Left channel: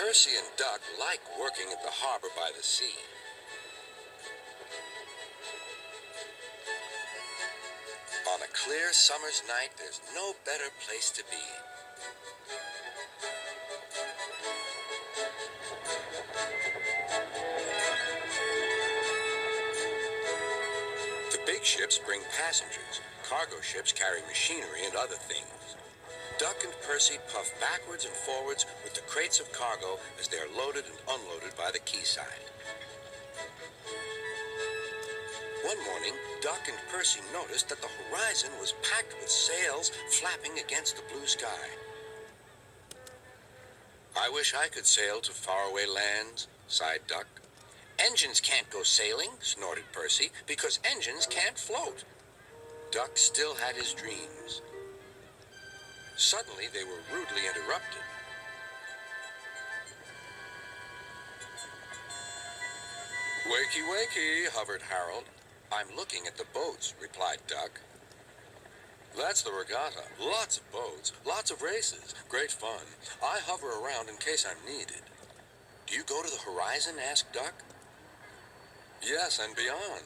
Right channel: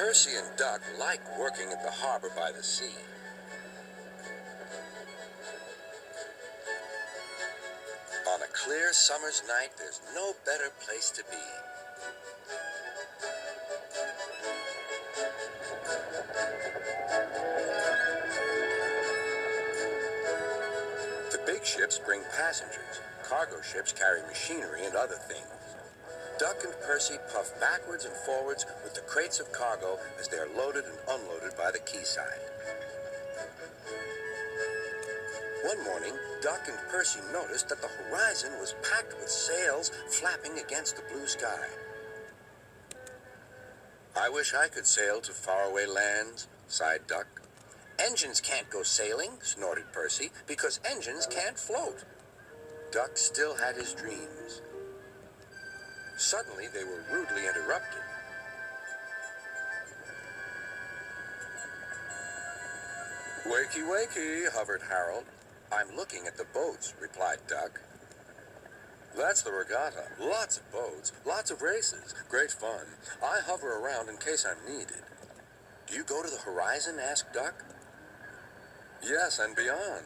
Percy and Duck like working at the harbor by the sea. On a clear summer's night, there's no better place to be. The big ships bring passengers. Cargo ships carry machinery and other things. Duck and Percy puff backwards and forwards with the crates of cargo as they are loaded and unloaded by the quayside. One morning, Duck and Percy noticed that the horizon was packed with sails flapping against the blue sky. "I wish I could sail to faraway lands," sighed Duck. "Engines can't go sailing," snorted Percy, "because engines can't float." Duck still had his dreams. Suddenly, they were rudely interrupted. "Wakey, wakey," hovered Harold. "I'm looking at the boats," replied Duck. "That's the regatta. Lots of boats, lots of races, great fun. I hover around in case I'm needed." "Do you go to the horizon?" asked Duck. "Yes, and beyond."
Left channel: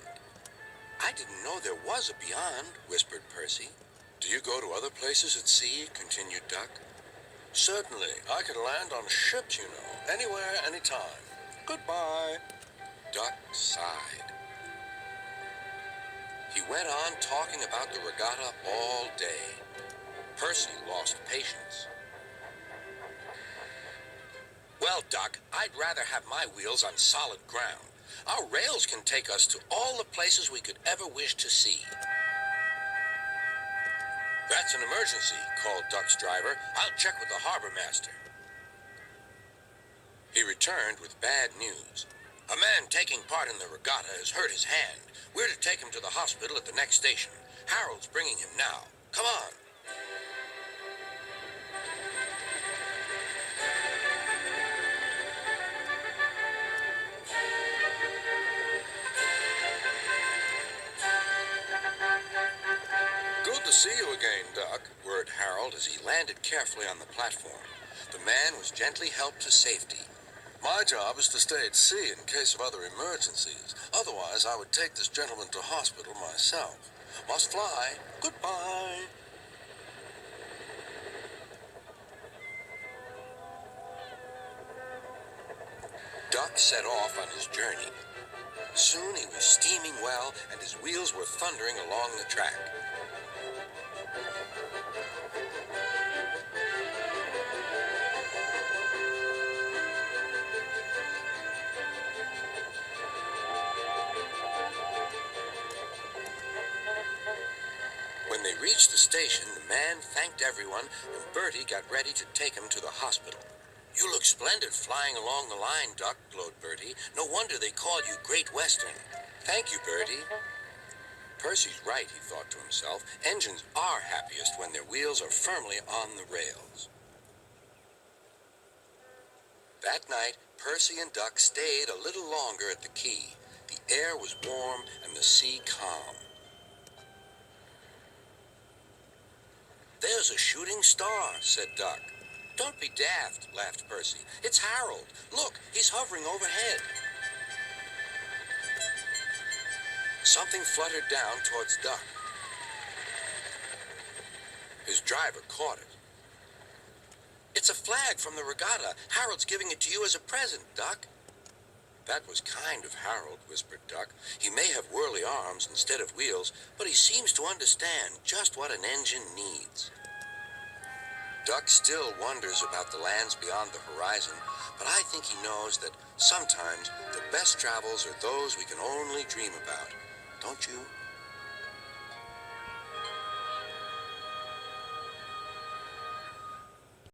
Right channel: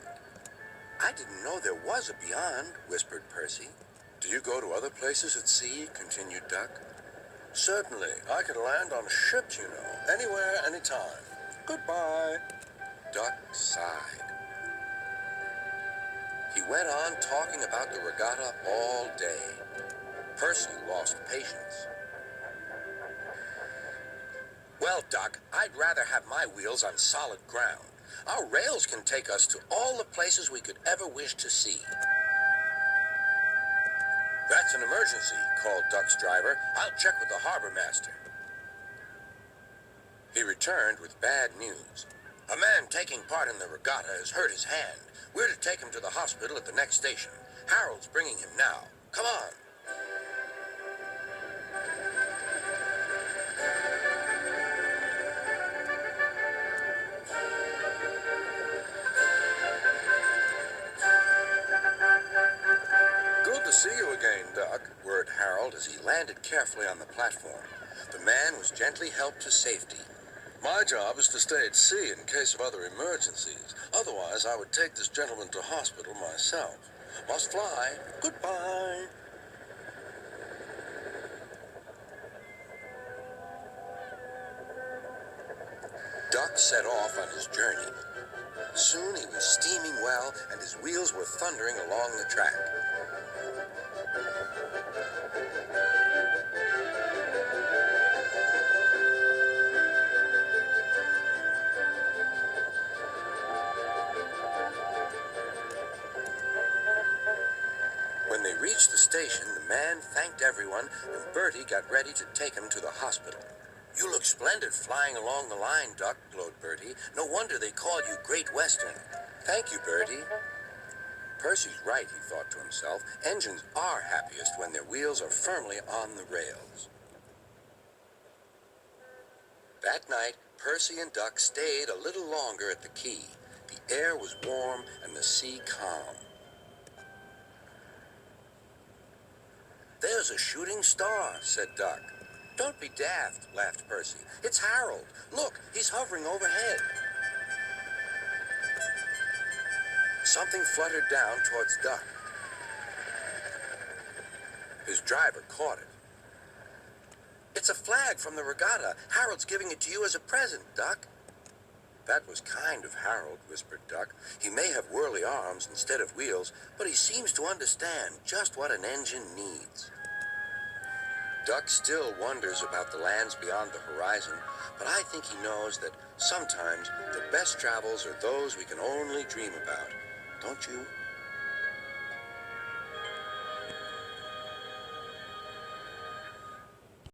"I didn't know there was a beyond," whispered Percy. "Do you go to other places at sea?" continued Duck. "Certainly. I can land on ships, you know, anywhere, anytime. Goodbye." Duck sighed. He went on talking about the regatta all day. Percy lost patience. "Well, Duck, I'd rather have my wheels on solid ground. Our rails can take us to all the places we could ever wish to see." "That's an emergency," called Duck's driver. "I'll check with the harbor master." He returned with bad news. "A man taking part in the regatta has hurt his hand. We're to take him to the hospital at the next station. Harold's bringing him now. Come on." "Good to see you again, Duck," whirred Harold as he landed carefully on the platform. The man was gently helped to safety. "My job is to stay at sea in case of other emergencies. Otherwise, I would take this gentleman to hospital myself. Must fly. Goodbye." Duck set off on his journey. Soon he was steaming well, and his wheels were thundering along the track. When they reached the station, the man thanked everyone, and Bertie got ready to take him to the hospital. "You look splendid flying along the line, Duck," glowed Bertie. "No wonder they called you Great Western." "Thank you, Bertie." Percy's right, he thought to himself. Engines are happiest when their wheels are firmly on the rails. That night, Percy and Duck stayed a little longer at the quay. The air was warm and the sea calm. "There's a shooting star," said Duck. "Don't be daft," laughed Percy. "It's Harold. Look, he's hovering overhead." Something fluttered down towards Duck. His driver caught it. "It's a flag from the regatta. Harold's giving it to you as a present, Duck." "That was kind of Harold," whispered Duck. "He may have whirly arms instead of wheels, but he seems to understand just what an engine needs." Duck still wonders about the lands beyond the horizon, but I think he knows that sometimes the best travels are those we can only dream about. Don't you?